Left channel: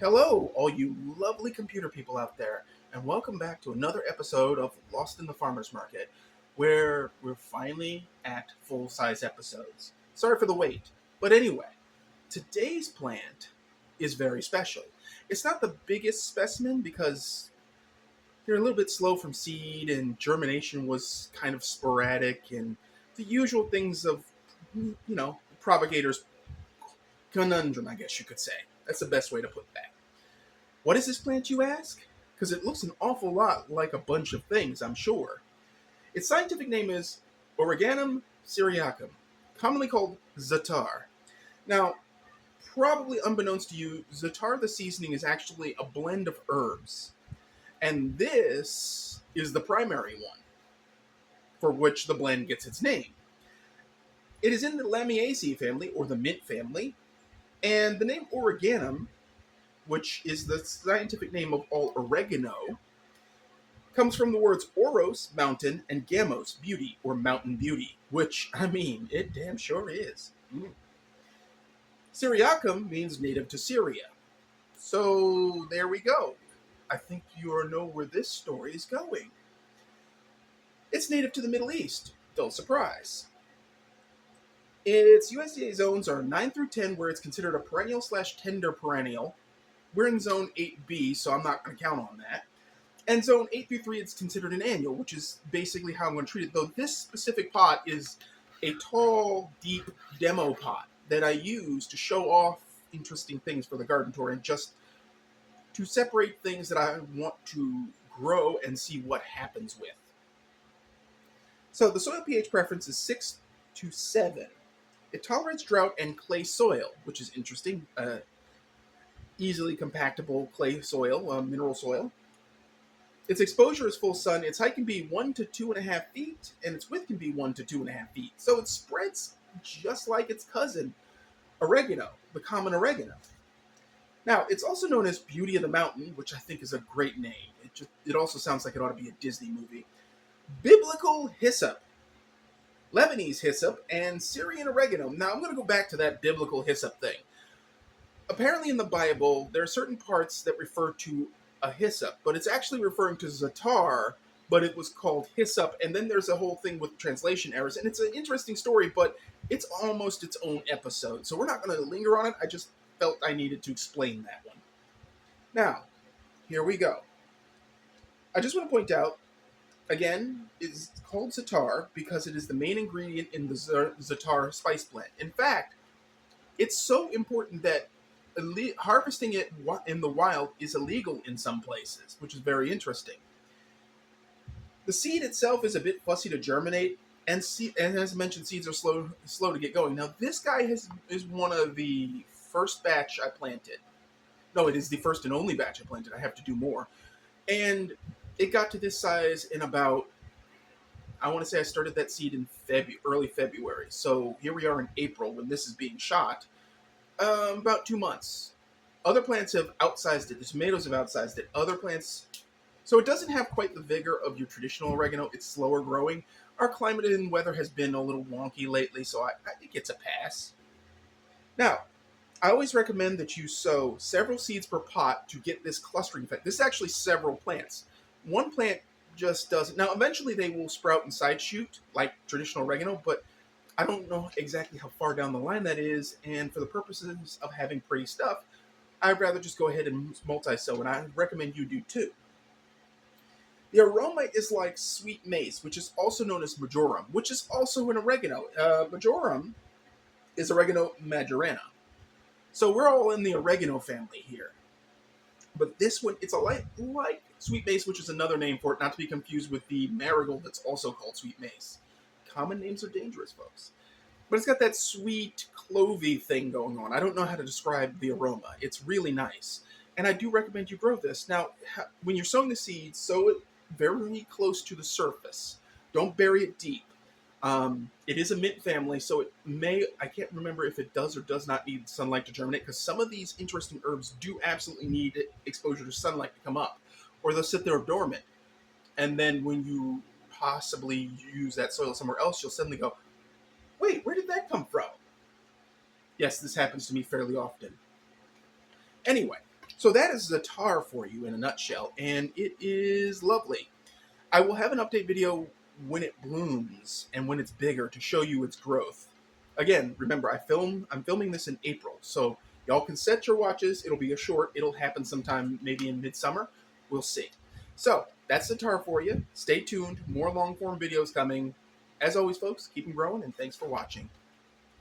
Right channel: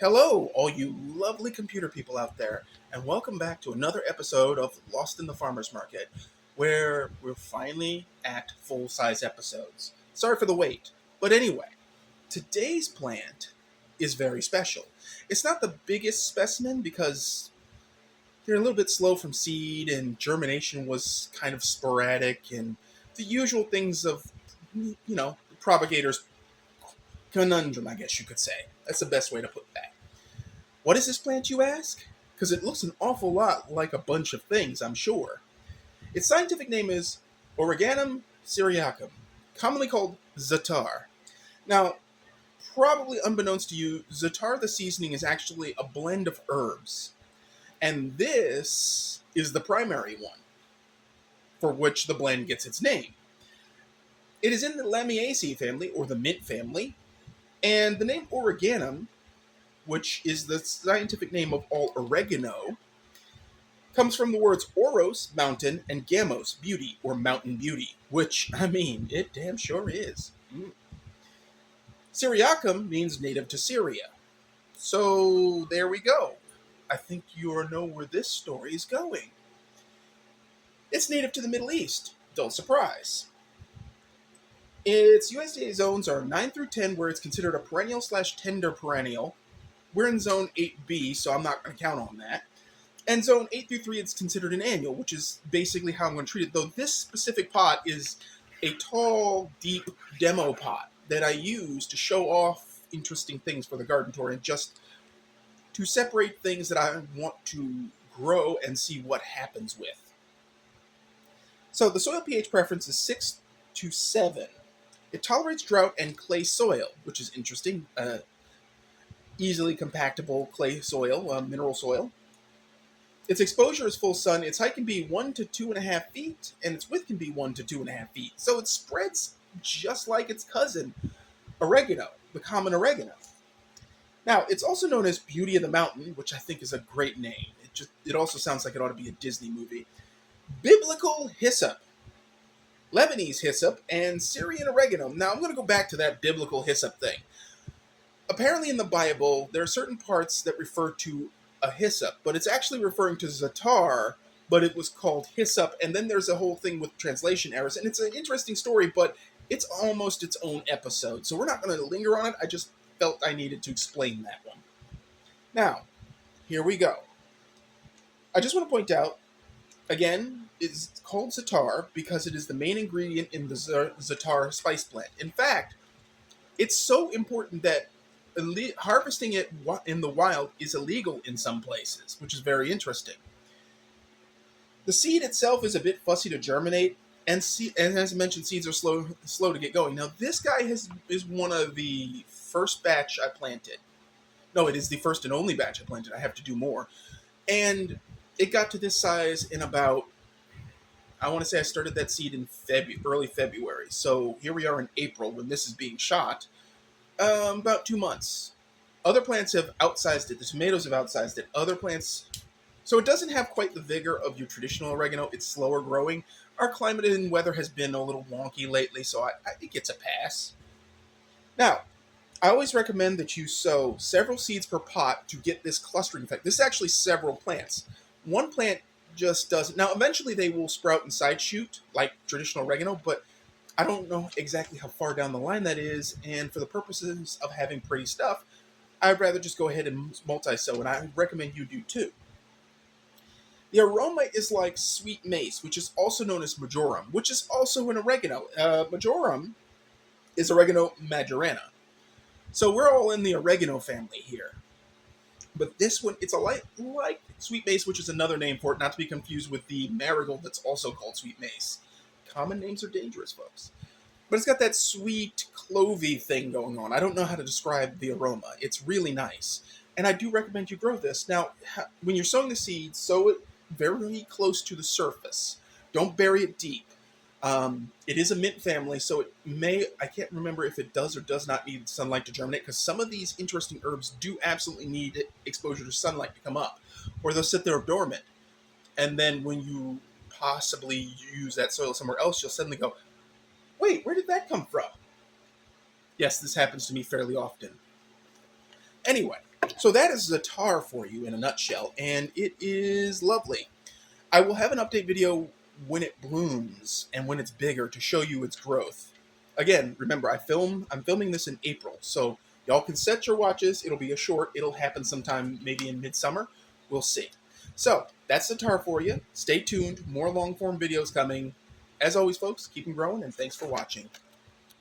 Hello, all you lovely computer people out there, and welcome back to another episode of Lost in the Farmer's Market, where we're finally at full-size episodes. Sorry for the wait, but anyway, today's plant is very special. It's not the biggest specimen because they're a little bit slow from seed and germination was kind of sporadic and the usual things of, propagator's conundrum, I guess you could say. That's the best way to put that. What is this plant, you ask? Because it looks an awful lot like a bunch of things, I'm sure. Its scientific name is Origanum syriacum, commonly called Za'atar. Now, probably unbeknownst to you, Za'atar the seasoning is actually a blend of herbs. And this is the primary one, for which the blend gets its name. It is in the Lamiaceae family, or the mint family, and the name Origanum, which is the scientific name of all oregano, comes from the words oros, mountain, and gamos, beauty, or mountain beauty, which, it damn sure is. Syriacum means native to Syria. So, there we go. I think you know where this story is going. It's native to the Middle East. Don't surprise. Its USDA zones are 9 through 10, where it's considered a perennial/tender perennial. We're in zone 8B, so I'm not going to count on that. And zone 8 through 3, it's considered an annual, which is basically how I'm going to treat it. Though this specific pot is a tall, deep demo pot that I use to show off interesting things for the garden tour and just to separate things that I want to grow and see what happens with. So the soil pH preference is 6 to 7. It tolerates drought and clay soil, which is interesting. Easily compactable clay soil, mineral soil. Its exposure is full sun. Its height can be 1 to 2.5 feet, and its width can be 1 to 2.5 feet. So it spreads just like its cousin, oregano, the common oregano. Now, it's also known as Beauty of the Mountain, which I think is a great name. It also sounds like it ought to be a Disney movie. Biblical Hyssop, Lebanese hyssop, and Syrian oregano. Now, I'm going to go back to that biblical hyssop thing. Apparently in the Bible, there are certain parts that refer to a hyssop, but it's actually referring to Za'atar, but it was called hyssop, and then there's a whole thing with translation errors, and it's an interesting story, but it's almost its own episode, so we're not going to linger on it. I just felt I needed to explain that one. Now, here we go. I just want to point out, again, it's called Za'atar because it is the main ingredient in the Za'atar spice blend. In fact, it's so important that harvesting it in the wild is illegal in some places, which is very interesting. The seed itself is a bit fussy to germinate, and as I mentioned, seeds are slow to get going. Now, this guy is one of the first batch I planted. No, it is the first and only batch I planted. I have to do more. And it got to this size in about, I want to say I started that seed in early February. So here we are in April when this is being shot. About 2 months. Other plants have outsized it. The tomatoes have outsized it. Other plants... So it doesn't have quite the vigor of your traditional oregano. It's slower growing. Our climate and weather has been a little wonky lately, so it gets a pass. Now, I always recommend that you sow several seeds per pot to get this clustering effect. This is actually several plants. One plant just doesn't... Now, eventually they will sprout and side shoot, like traditional oregano, but I don't know exactly how far down the line that is, and for the purposes of having pretty stuff, I'd rather just go ahead and multi-sow, and I recommend you do too. The aroma is like sweet mace, which is also known as majorama, which is also an oregano. Marjoram is oregano majorana. So we're all in the oregano family here. But this one, it's like sweet mace, which is another name for it, not to be confused with the marigold that's also called sweet mace. Common names are dangerous, folks. But it's got that sweet, clovey thing going on. I don't know how to describe the aroma. It's really nice. And I do recommend you grow this. Now, when you're sowing the seeds, sow it very close to the surface. Don't bury it deep. It is a mint family, so it may... I can't remember if it does or does not need sunlight to germinate, because some of these interesting herbs do absolutely need exposure to sunlight to come up. Or they'll sit there dormant. And then when you possibly use that soil somewhere else, you'll suddenly go, wait, where did that come from? Yes, this happens to me fairly often. Anyway, So that is Za'atar for you in a nutshell, and it is lovely. I will have an update video when it blooms and when it's bigger to show you its growth. Again, remember I'm filming this in April, so y'all can set your watches. It'll be a short. It'll happen sometime maybe in midsummer. We'll see. So that's the tar for you. Stay tuned. More long form videos coming. As always, folks, keep them growing, and thanks for watching.